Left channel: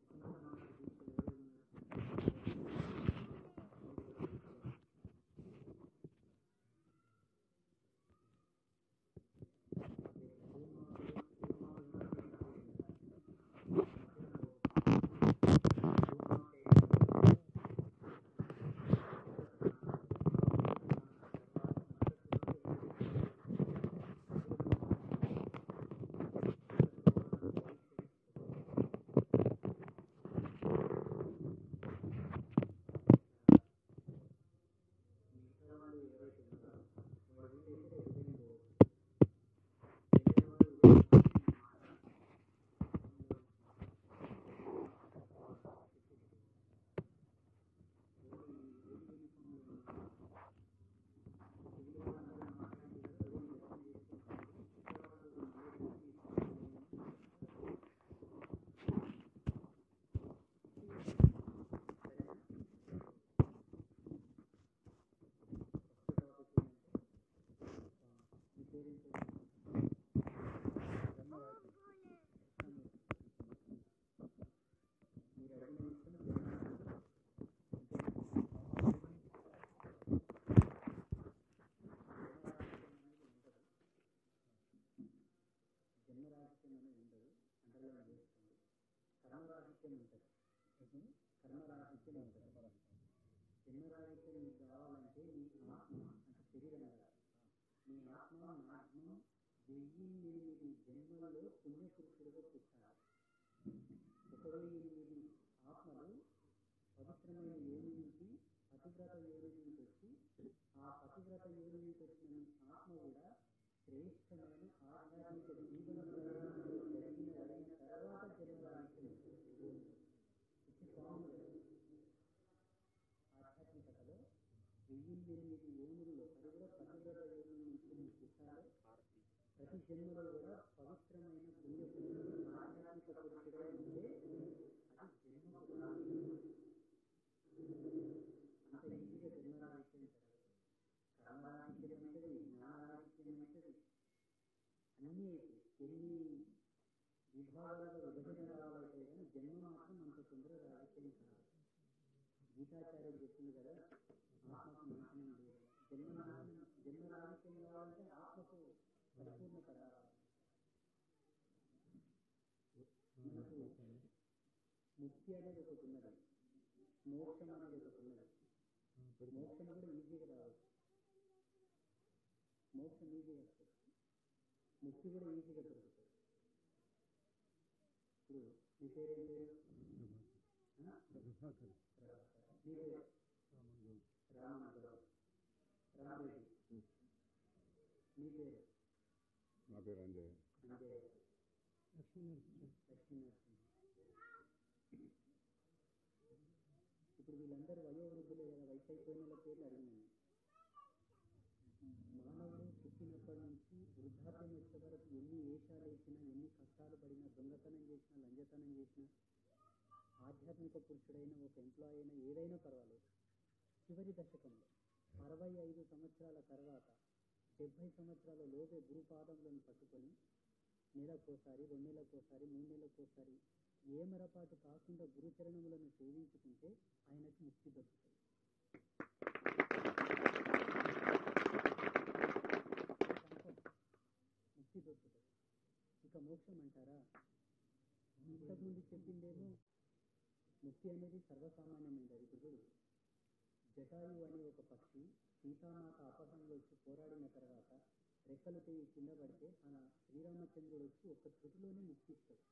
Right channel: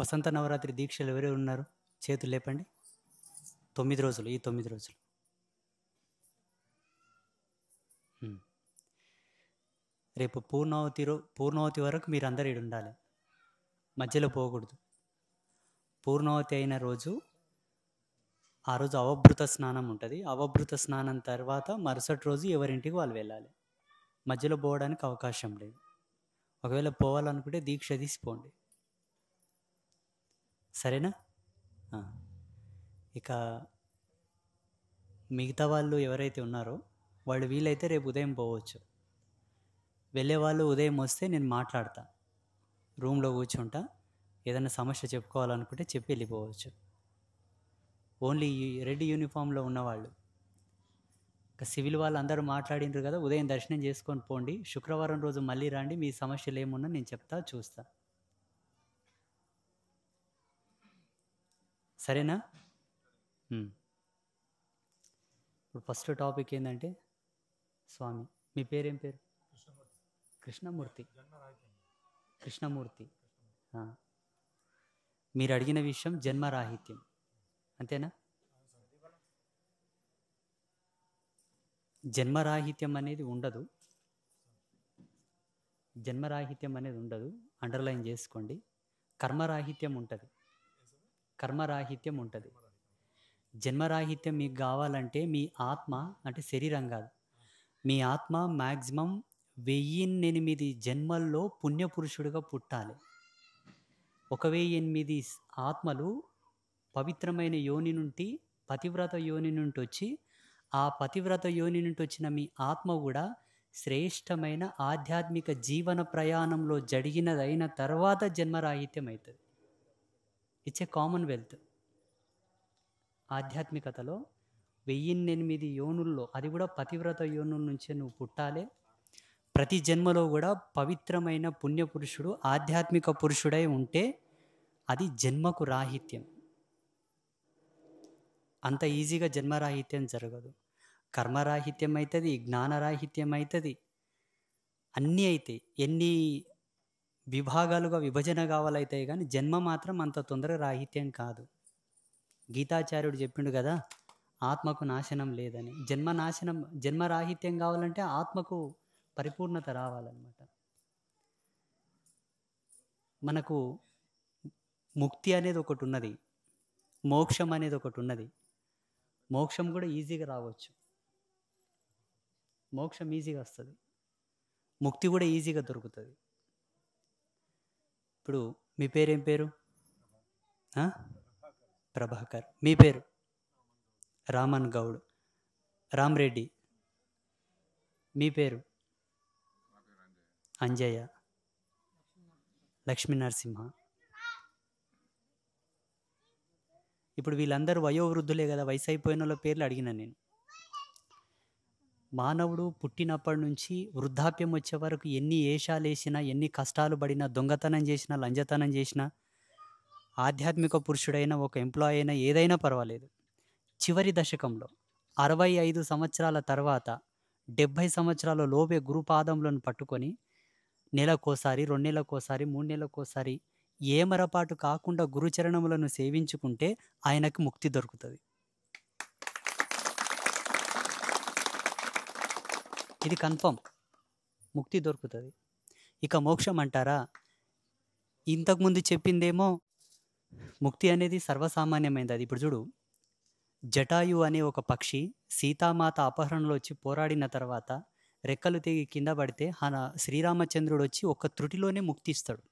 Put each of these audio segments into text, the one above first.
వసంత నవరాత్రి దీక్షలు ఎవరెవరు ఉన్నారు? చేతులు లేపండి. 9 రోజులు, ఈ 9 రోజులు. రేపు పూర్ణావతి వరకు మీరు అందరు ఈడ ఉండాలి, మధ్యలో పోకూడదు. పూర్ణావతి అయిన రోజు, ఆ రోజు అవభృత స్నానం ఉంటుంది. అవభృత స్నానం తర్వాత మరుసటి రోజు ఎవరింటికి వాళ్ళు వెళ్ళాలి. మధ్యలో పోవడానికి అవకాశం లేదు. ఒకవేళ పోవాలనుకుంటే దీక్ష తీసిపోండి, సరేనా? ఇక మిగతా వాళ్ళు ఎవరైతే ఉన్నారో వాళ్ళు వీలైతే రేపు ఉదయం పోవచ్చు. వెళ్ళే వాళ్ళు ఉదయం వస్తే నేను మాట్లాడతా, రూమ్లో కూర్చుంటా. ఏదైనా సమస్య చెప్పుకోవాలనుకుంటే చెప్పి వెళ్ళిపోవచ్చు. ఓన్లీ రెడ్ యూనిఫామ్లో ఉన్నవాళ్ళు, ఇక సివిల్ వాళ్ళు అందరూ మాట్లాడినారు కదా, ఉదయం దర్శనం చేసుకొని పోండి. శుక్రవారం రోజు మళ్ళీ రండి, మీ సమస్యలు ఏమున్నా నేను చెప్తా, చూస్తా, సరేనా? ఫస్ట్ టాపిక్ ఏంటంటే, స్వామి మీ పేరేం పేరు? కృష్ణమూర్తి. మీరు అడిగిన విషయం జన్మరాహిత్యం, అంతేనా? జన్మరాహిత్యం అనేది ఉండదు, జన్మరాహిత్యం అనేది ఉండదు, అండర్లైన్ చేసుకోండి. కర్మరాహిత్యం ఉంటుంది, కర్మరాహిత్యం ఉంటుంది. జన్మరాహిత్యం మీకు కావాలంటే మీ ఆత్మ, అంటే శరీరం కాదు, మీ ఆత్మ మ్యాక్సిమం 1008 జన్మల్లో పుణ్యపురుషుడిగా పుట్టాలి. 1008 ఆత్మలు పవిత్రమైన యోని నుండి, పతివ్రత యోని నుండి వచ్చి, ఆ పతివ్రత యోని నుండి వచ్చిన మీ ఆత్మ కూడా శ్రేష్టమైన ఆధ్యాత్మిక జీవన ప్రయాణంలో జరిగినదైన తర్వాత జన్మరాహిత్యం అవుతుంది. It's a Commonwealth. ఆధ్యాత్మికతలో 1008 యోనుల్లో, అది కూడా పతివ్రత యోనుల నుంచే నువ్వు పుట్టాలి. ప్రతి జన్మలో కూడా పవిత్రమైన పుణ్యపురుషుడు, ఆధ్యాత్మిక పురుషుడై ఉంటే అది జన్మకు రాహిత్యం. అంత ఈజీగా జన్మరాహిత్యం జరగదు. కర్మరాహిత్యం అవుతుంది, జ్ఞానరాహిత్యం అవుతుంది, అన్నీ అవుతాయి. ఎన్ని విభాగాలుగా విభజన కావాలవుతాయి, కానీ జన్మ మాత్రం అంత తొందరగా రాహిత్యం కాదు. గీతాచార్యుడు చెప్పిండు కదా, ఆత్మకు నాశనం లేదని. జన్మరాహిత్యం కావాలంటే ఆత్మకు పరిపూర్ణత రావాలన్నమాట. మనకు ముక్తి అనేది ఒకటి ఉన్నది, మోక్షం అనేది ఒకటి ఉన్నది. మోక్షం కూడా ఈజీగా రావచ్చు, మోక్షం ఈజీగా వస్తుంది, ముక్తి కూడా ఈజీగా దొరుకుతుంది. ఇప్పుడు మీ పేరేం పేరు? ప్రభాకర్. మీ పేరు? రామన్ గౌడ్. రామ్రెడ్డి. మీ పేరు? అంజయ్య. లక్ష్మీ నరసింహ. ఇప్పుడు వీళ్ళందరూ వయోవృద్ధులే కదా, వయసు అయిపోయిన వాళ్ళ పేర్లు అడిగిన నేను. మానవుడు పుట్టినప్పటి నుంచి వృద్ధాప్యం వచ్చే వరకు ఎన్ని ఏషాలు వేసినా, ఎన్ని కష్టాలు పడినా, దొంగతనం చేసినా, లంజతనం చేసినా, ఆధ్యాత్మిక పురుషుడైన ఒక ఎంప్లాయీ అయినా ఏదైనా పర్వాలేదు, చివరి దశకంలో 65 సంవత్సరాల తర్వాత 70 సంవత్సరాల లోపే గురుపాదములను పట్టుకొని నెలకోసారి, 2 నెలలకోసారి, 3 నెలలకోసారి ఏమరపాటు కాకుండా గురుచరణములను సేవించుకుంటే ఆయనకు ముక్తి దొరుకుతుంది. ఇది కన్ఫర్మ్, ముక్తి దొరుకుతుంది. ఇక మోక్షం అంటారా? ఇంతకుముందు చెప్పిందేమో ముక్తి అనేది సర్వసామాన్యమైనది. అది ఇప్పుడు చూడు, జటాయు అనే ఒక పక్షి సీతామాత అపహరణలో వచ్చి పోరాడిన తర్వాత రెక్కలు తెగి కింద పడితే శ్రీరామచంద్రుడు వచ్చి ఒక త్రుటిలోనే ముక్తి ఇస్తాడు.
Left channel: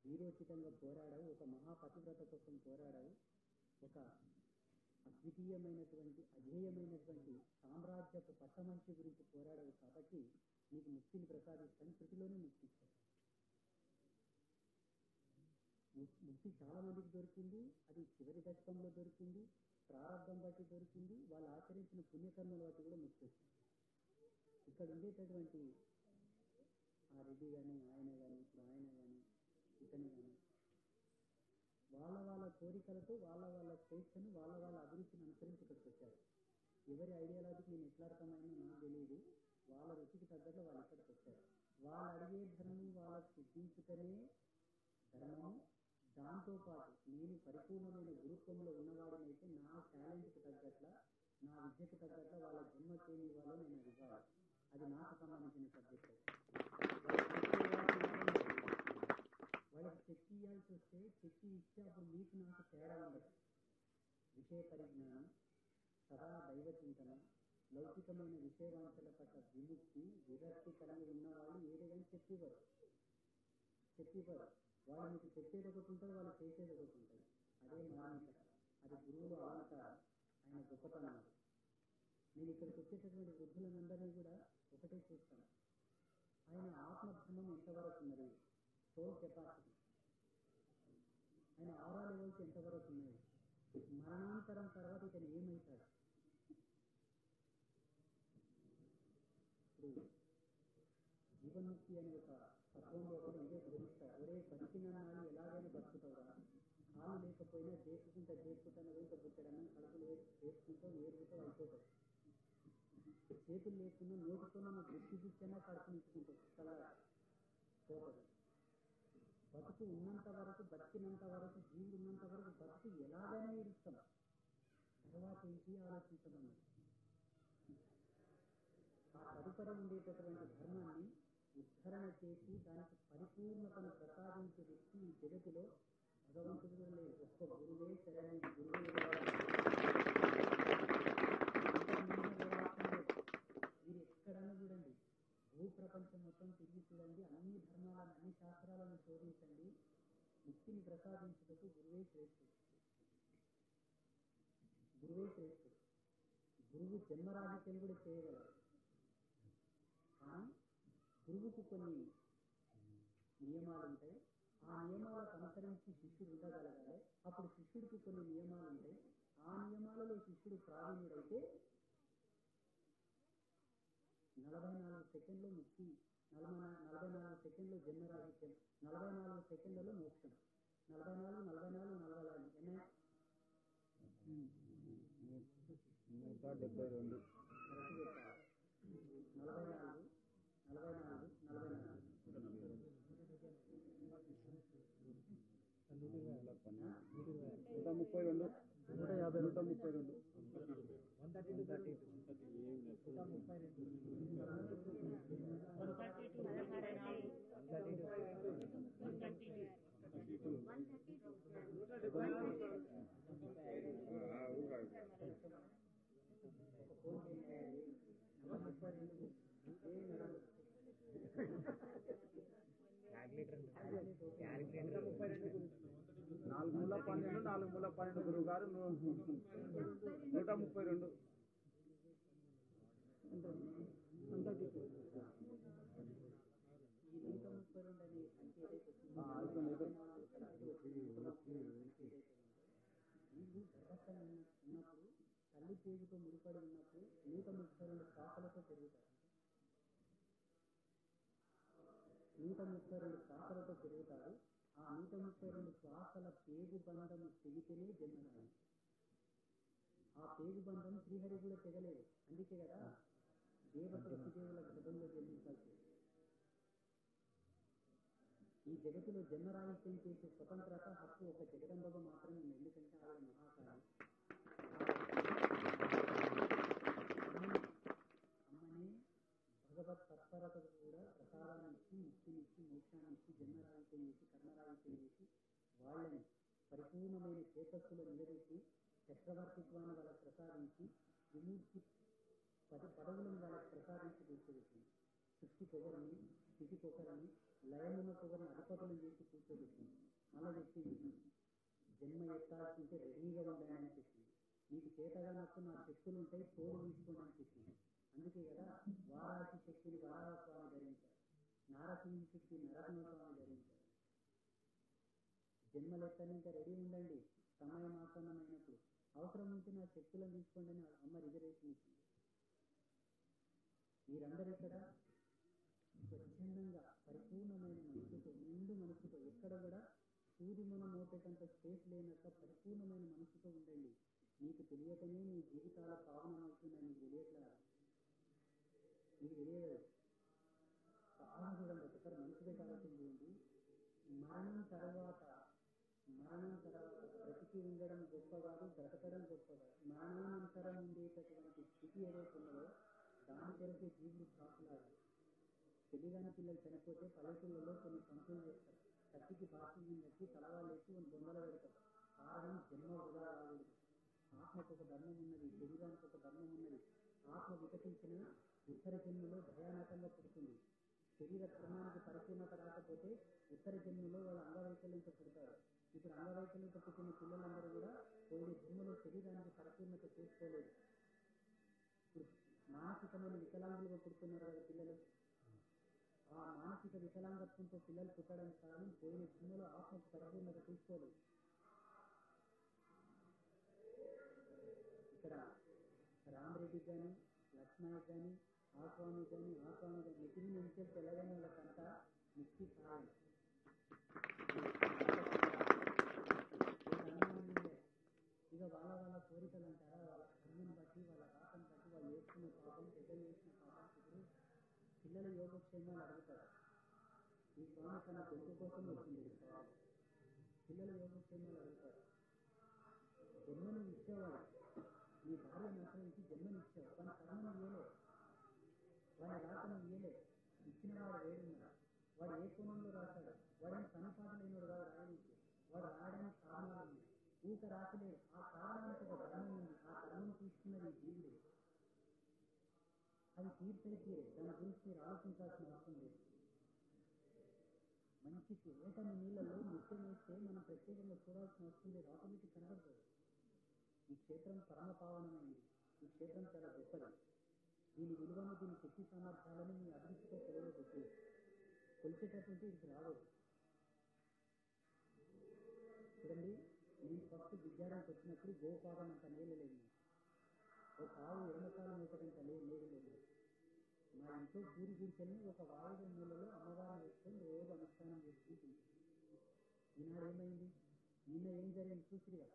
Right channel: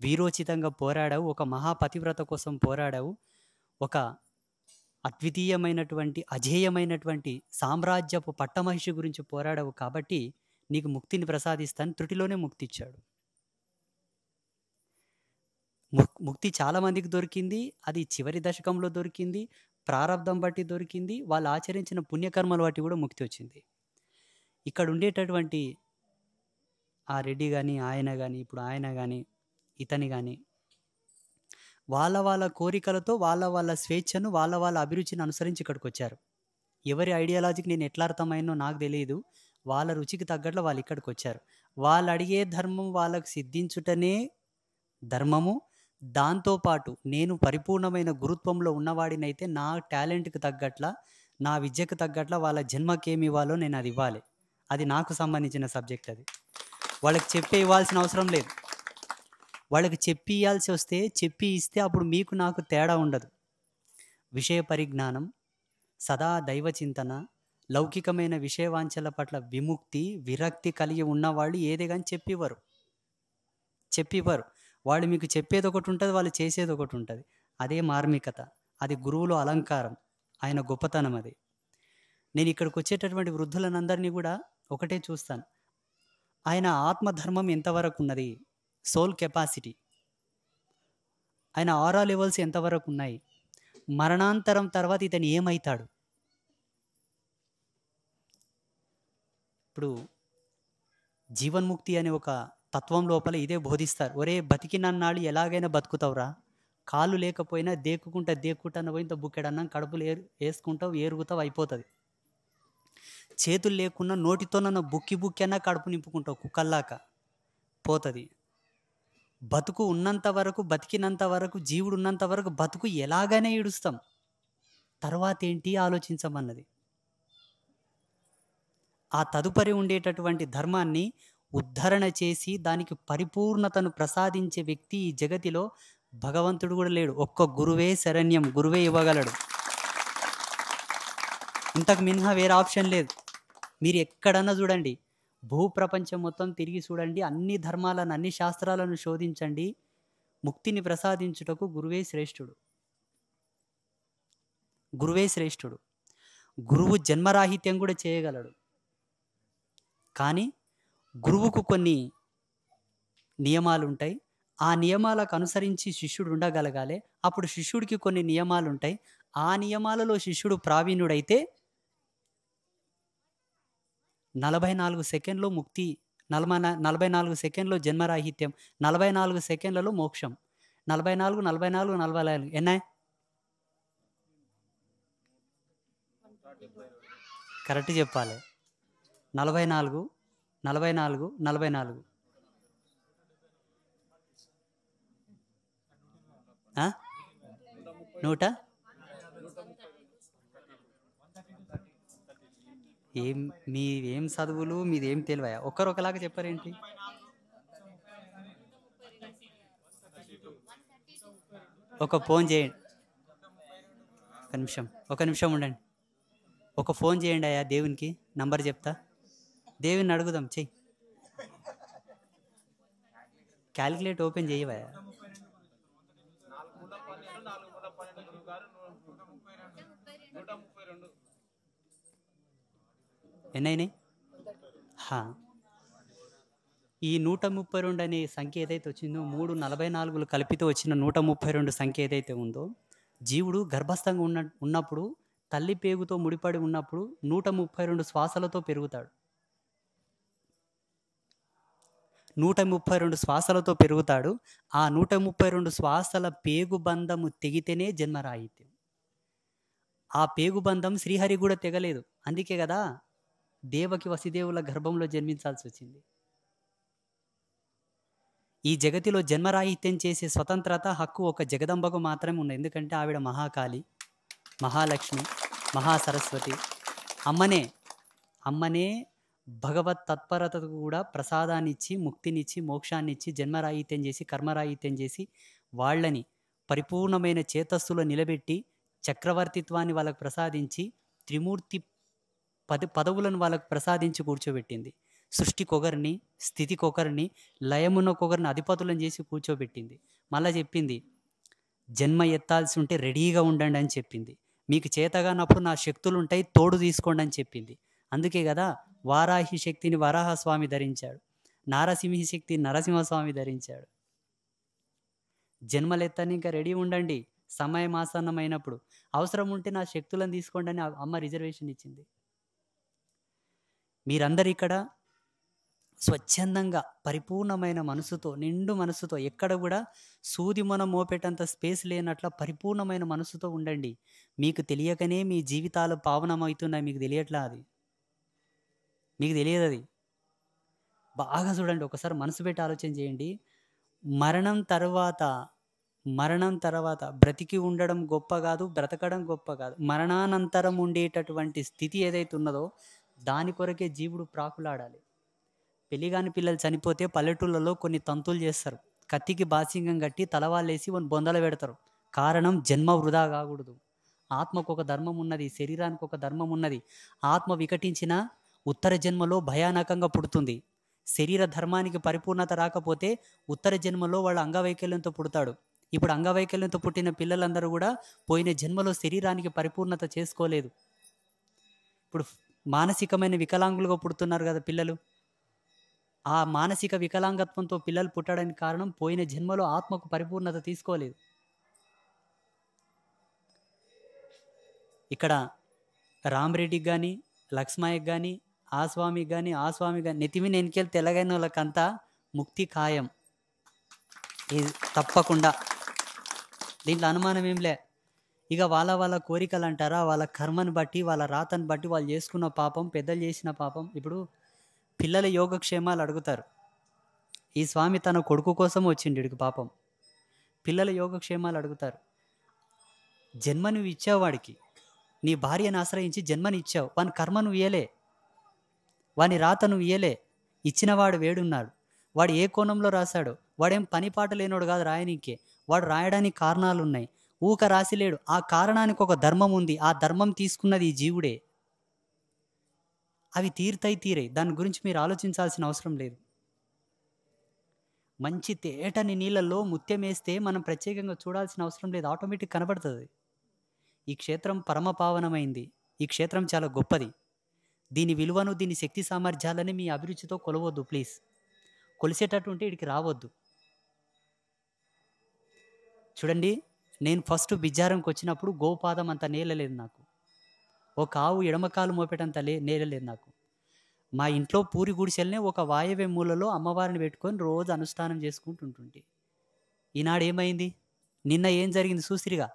వీరోచితంగా పోరాడావు, ఒక మహాపతివ్రత కోసం పోరాడావు, ఒక అద్వితీయమైనటువంటి అజేయమైనటువంటి సామ్రాజ్యపు పట్టమహిషి గురించి పోరాడావు, కాబట్టి నీకు ముక్తిని ప్రసాదిస్తాను, త్రుటిలోనే ముక్తి ఇచ్చాడు. ముక్తి చాలామందికి దొరికింది, అది చివరి దశకంలో దొరికింది, ప్రారంధం బట్టి దొరికింది, వాళ్ళు ఆచరించిన పుణ్యకర్మలు బట్టి కూడా ముక్తి వచ్చింది. ఇక్కడ ఉండేటటువంటి ఆ రెడ్డి కానీ, ఆయన కానీ, ఇప్పుడు ఆయన కానీ, ఇతని కానీ, వాళ్ళ కోరికలతో వాళ్ళ స్వేచ్ఛను, వాళ్ళ అభిరుచిని అనుసరించి ఇక్కడికి వచ్చారు. ఎవరి ఐడియాలజీకి నేను ఎట్లా అర్థమైనో నాకు తెలియదు, వాళ్ళ రుచికి తగ్గట్లు వాళ్ళు ఇక్కడికి వచ్చారు. వాళ్ళు అడిగే ధర్మం వాళ్ళకు సిద్ధించుటనే ధర్మము, దాంతోపాటు నేను పరిపూర్ణమైన గురుత్వంలో ఉన్నవాడినైతే నా టాలెంట్‌కి తగ్గట్ల, నా విద్యకు తగ్గట్ల వాళ్ళ జన్మకేమి ఇవ్వాలో నేను అది ఇవ్వాలి. అది నాకు సంబంధించిన సబ్జెక్ట్ అది. వాళ్ళకి చెప్పి ఇవ్వాల్సిన అవసరం లేదు. వాళ్ళకి చెప్పి ఇయ్యాల్సి వస్తే చెప్పి ఇస్తే అప్పుడు మీకు నాకు తేడా ఉండదు. విషయ పరిజ్ఞానం, సదా దైవ చింతన, లౌకికమైన విషయవాంఛల పట్ల విముక్తి, విరక్తి కలిగి ఉన్నవాళ్ళు ఏదే గాని చెప్పివ్వరు. వాళ్ళు మీకు చెప్పేది ఒకటి ఉంటది, వాళ్ళు చేసేది ఒకటి ఉంటది. అదే మార్మికత. అది గురువులో అలంకారం. ఆయన గొప్పతనం అది. నేను ఇక్కడికి వచ్చేటటువంటి వృద్ధులనందరినీ కూడా ఒకటే చూస్తాను. ఆయన ఆత్మధర్మం ఎంతవరకు ఉన్నది? Soul capacity. ఆయన ఆరా లెవెల్స్ ఎంతవరకు ఉన్నాయి? మరణాంతరం తర్వాత ఇతను ఏమైతాడు? ఇప్పుడు జీవన్ముక్తి అనే ఒక తత్వం లోపల ఇదే బోధిస్తారు. ఒరే బతికినన్నాళ్ళు ఎలాగైనా బతుకుతావురా, కాళ్ళు లేకపోయినా దేక్కుంటా పోయింత బుక్కెడన్నం కడుపులు వేసుకుంటావు, ఏరుగుతావు, అయిపోతుంది. చేతులు లేకున్నా నోటితోనన్న బుక్కి అన్నా కడుపు నింపుకుంటావు, కుక్కల్లాక పోతుంది. బతుకు ఉన్నంత వరకు, బతికినంత వరకు, జీవుడు ఉన్నంత వరకు బతుకు ఎలాగైనా ఈడుస్తాం. తర్వాత ఏంటి ఆలోచించమన్నది. ఆ తదుపరి ఉండేటటువంటి ధర్మాన్ని ఉద్ధరణ చేసి దానికి పరిపూర్ణతను ప్రసాదించే వ్యక్తి ఈ జగతిలో భగవంతుడు కూడా లేడు. ఒక్క గురువే శరణ్యం, గురువే ఇవ్వగలడు. ఇంతకు మినహా వేరే ఆప్షన్ లేదు. మీరు ఎక్కడన్నా చూడండి, భూప్రపంచం మొత్తం తిరిగి చూడండి, అన్ని ధర్మాలను, అన్ని శాస్త్రాలను శోధించండి, ముక్తిని ప్రసాదించుటకు గురువే శ్రేష్ఠుడు. గురువే శ్రేష్ఠుడు. గురువు జన్మరాహిత్యం కూడా చేయగలడు. కానీ గురువుకు కొన్ని నియమాలు ఉంటాయి. ఆ నియమాలకు అనుసరించి శిష్యుడు ఉండగలగాలి. అప్పుడు శిష్యుడికి కొన్ని నియమాలు ఉంటాయి. ఆ నియమాలలో శిష్యుడు ప్రావీణ్యుడైతే 44 సెకండ్లో ముక్తి, 44 సెకండ్లో జన్మరాహిత్యం, 44 సెకండ్లలో మోక్షం. 44 ఎన్నా? కరెక్ట్ చెప్పాలి. 44 100 మీరేం చదువులు, మీదేం తెలివయా? ఒకలాగా చెప్పారేంటి? ఒక ఫోన్ చేయండి, ఒక నిమిషం ఉండండి. ఒక ఫోన్ చేయండి అయ్యా దేవునికి, నంబర్ చెప్తా. దేవుని అడుగుదాం, చెయ్యి. క్యాలిక్యులేట్ ఓపెన్ చేయవా? ఎన్నైనాయి? ఈ 132 అనే సంఖ్య ఏదైతే వచ్చిందో, 344 కలిపితో వచ్చిన 132 సంఖ్య ఏదైతే ఉందో, జీవుడు గర్భస్థంగా ఉన్నప్పుడు, తల్లి పేగుతో ముడిపడి ఉన్నప్పుడు 132 శ్వాసలతో పెరుగుతాడు. 132 శ్వాసలతో పెరుగుతాడు. ఆ 132 శ్వాసల పేగుబంధము తెగితేనే జన్మరాహిత్యం. ఆ పేగుబంధం శ్రీహరి కూడా తెగలేదు. అందుకే కదా దేవకి వసుదేవుల గర్భంలో జన్మించాల్సి వచ్చింది. ఈ జగతిలో జన్మరాహిత్యం చేసే స్వతంత్రత, హక్కు ఒక జగదంబకు మాత్రమే ఉంది. ఎందుకంటే ఆవిడ మహాకాళి, మహాలక్ష్మి, మహాసరస్వతి. అమ్మనే భగవత్ తత్పరతకు కూడా ప్రసాదాన్నిచ్చి, ముక్తినిచ్చి, మోక్షాన్నిచ్చి, జన్మరాహిత్యం చేసి, కర్మరాహిత్యం చేసి, వాళ్ళని పరిపూర్ణమైన చేతస్సులో నిలబెట్టి, చక్రవర్తిత్వాన్ని వాళ్ళకు ప్రసాదించి, త్రిమూర్తి పదవులను వాళ్ళకు ప్రసాదించి కూర్చోబెట్టింది. సృష్టికొకరిని, స్థితికొకరిని, లయమునకొకరిని అధిపతులను చేసి కూర్చోబెట్టింది. మళ్ళా చెప్పింది, జన్మ ఎత్తాల్సి ఉంటే రెడీగా ఉండండి అని చెప్పింది. మీకు చేతగానప్పుడు నా శక్తులు ఉంటాయి, తోడు తీసుకోండి అని చెప్పింది. అందుకే కదా వారాహి శక్తిని వరాహస్వామి ధరించాడు, నారసింహి శక్తి నరసింహస్వామి ధరించాడు. జన్మలెత్తని ఇంకా రెడీ ఉండండి, సమయం ఆసన్నమైనప్పుడు అవసరం ఉంటే నా శక్తులను తీసుకోండి అని అమ్మ రిజర్వేషన్ ఇచ్చింది. మీరందరు ఇక్కడ స్వచ్ఛందంగా, పరిపూర్ణమైన మనసుతో, నిండు మనసుతో, ఎక్కడ కూడా సూది మనం మోపేటంత స్పేస్ లేనట్ల పరిపూర్ణమైన మనసుతో ఉండండి. మీకు తెలియకనే మీ జీవితాలు పావనమవుతున్నాయి. మీకు తెలియట్లా, అది మీకు తెలియదు. అది బాగా చూడండి, ఒకసారి మనసు పెట్టి ఆలోచన చేయండి. మరణం తర్వాత మరణం తర్వాత బ్రతికి ఉండడం గొప్ప కాదు, బ్రతకడం గొప్ప కాదు. మరణానంతరం ఉండేటటువంటి స్థితి ఏదైతే ఉన్నదో దాని కొరకే జీవుడు ప్రాకులాడాలి. పెళ్లిగాని పిల్లలు చనిపోతే పల్లెటూళ్ళలో కొన్ని తంతులు చేస్తారు. కత్తికి బాసింగం కట్టి తలవాళ్ళేసి కొన్ని బొందలు పెడతారు. కారణం జన్మ వృధా కాకూడదు. ఆత్మకు ఒక ధర్మం ఉన్నది, శరీరానికి ఒక ధర్మం ఉన్నది. ఆత్మ వికటించిన ఉత్తర జన్మలో భయానకంగా పుడుతుంది. శరీర ధర్మానికి పరిపూర్ణత రాకపోతే ఉత్తర జన్మలో వాళ్ళ అంగవైకల్యంతో పుడతాడు. ఇప్పుడు అంగవైకల్యంతో పుట్టిన పిల్లలందరూ కూడా పోయిన జన్మలో శరీరానికి పరిపూర్ణత చేసుకోలేదు. ఇప్పుడు మానసికమైన వికలాంగులుగా పుడుతున్నారు కదా పిల్లలు. ఆ మానసిక వికలాంగత్వంతో పిల్లలు పుట్టడానికి కారణం పోయిన జన్మలో ఆత్మకు పరిపూర్ణత తీసుకోలేదు. ఇక్కడ రామరెడ్డికి కానీ, లక్ష్మయ్యకి కానీ, ఆ స్వామికి కానీ, ఆ స్వామికి కానీ నెతిమిని ఎన్నికెళ్ళి తెల్లగైన వాళ్ళకంతా ముక్తి ఖాయం. ఇది తప్పకుండా, దీంట్లో అనుమానం ఏం లే. ఇక వాళ్ళ కోరికలు అంటారా, వాళ్ళ కర్మను బట్టి, వాళ్ళ రాతను బట్టి వాళ్ళు చేసుకున్న పాపం, పెద్దలు చేసిన పాపం. ఇప్పుడు పిల్లల యోగక్షేమాలు అడుగుతారు. ఈ స్వామి తన కొడుకు కోసం వచ్చిండు ఇడికి పాపం. పిల్లల యోగక్షేమాలు అడుగుతారు. జన్మ నువ్వు ఇచ్చావు వాడికి, నీ భార్యను ఆశ్రయించి జన్మని ఇచ్చావు. వాని కర్మ నువ్వు ఇయ్యలే, వాని రాత నువ్వు ఇయ్యలే. ఇచ్చినవాడు వేడున్నాడు. వాడు ఏ కోణంలో రాశాడు? వాడేం పని పాట లేనోడు కాదు రాయనీకే. వాడు రాయడానికి కారణాలు ఉన్నాయి. ఊక రాసిలేడు. ఆ కారణానికి ఒక ధర్మం ఉంది. ఆ ధర్మం తీసుకున్నది ఈ జీవుడే. అవి తీరే. దాని గురించి మీరు ఆలోచించాల్సిన అవసరం లేదు. మంచి తేటని నీళ్ళల్లో ముత్యం వేస్తే మనం ప్రత్యేకంగా చూడాల్సిన అవసరం లేదు, ఆటోమేటిక్ కనబడుతుంది. ఈ క్షేత్రం పరమపావనమైంది. ఈ క్షేత్రం చాలా గొప్పది. దీని విలువను, దీని శక్తి సామర్థ్యాలని మీ అభిరుచితో కొలవద్దు ప్లీజ్. కొలిసేటట్టుంటే ఇక్కడికి రావద్దు. చూడండి, నేను ఫస్ట్ బిజ్జారంకి వచ్చినప్పుడు గోపాదం అంత నేలలేదు నాకు. ఒక ఆవు ఎడమకాలు మోపేటంత నేలలేదు నాకు. మా ఇంట్లో పూరి గుడిసెల్నే ఒక వాయవ్య మూలలో అమ్మవారిని పెట్టుకొని రోజు అనుష్ఠానం చేసుకుంటుంటుంటే, ఈనాడు ఏమైంది? నిన్న ఏం జరిగింది చూసిరిగా?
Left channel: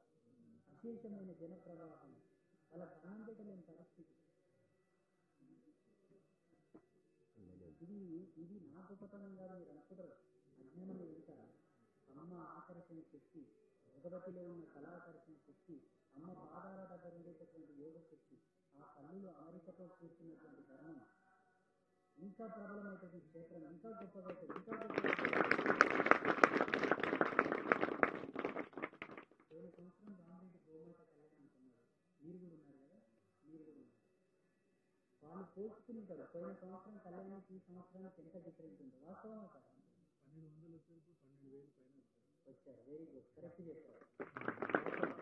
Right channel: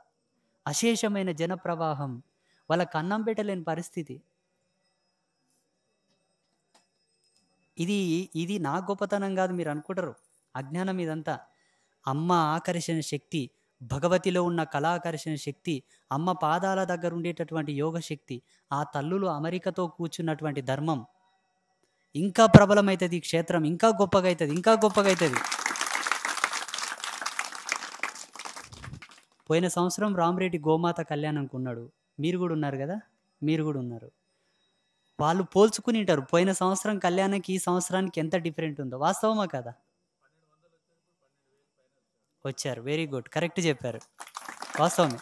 అశేషమైన జనప్రవాహం, వాళ్ళకి అన్నం పెట్టలేని పరిస్థితి. ఇది నా గొప్పతనం కాదు, మీరు అనుకుంటారు. అజ్ఞానం ఇదంతా. అమ్మ ఆకర్షణ శక్తి, భగవతిలో ఉన్న కళాకర్షణ శక్తి, అమ్మ పాదాల దగ్గర ఉండేటటువంటి యోగ శక్తి, ఆ తల్లులు అమెరికతో కూర్చున్నటువంటి ధర్మం ఇంకా ప్రబలమవుతుంది. ఈ క్షేత్రం ఇంకా గొప్పగా అవుతుంది. పోయిన సంవత్సరం రామరెడ్డి గోమాత కళ్యాణంకి ఉన్నాడు. మీరు కూడా ఉన్నారు కదా, మీరు కూడా ఉన్నారు. వాళ్ళు పోల్చుకుని ఉంటారు పోయిన సంవత్సరం కళ్యాణానికి ఈ సంవత్సరానికి ఎంత డిఫరెంట్ ఉందో. వాస్తవమా కదా? వచ్చారు, వెరీ గుడ్, కరెక్ట్ చెప్పారు, వాస్తవమే.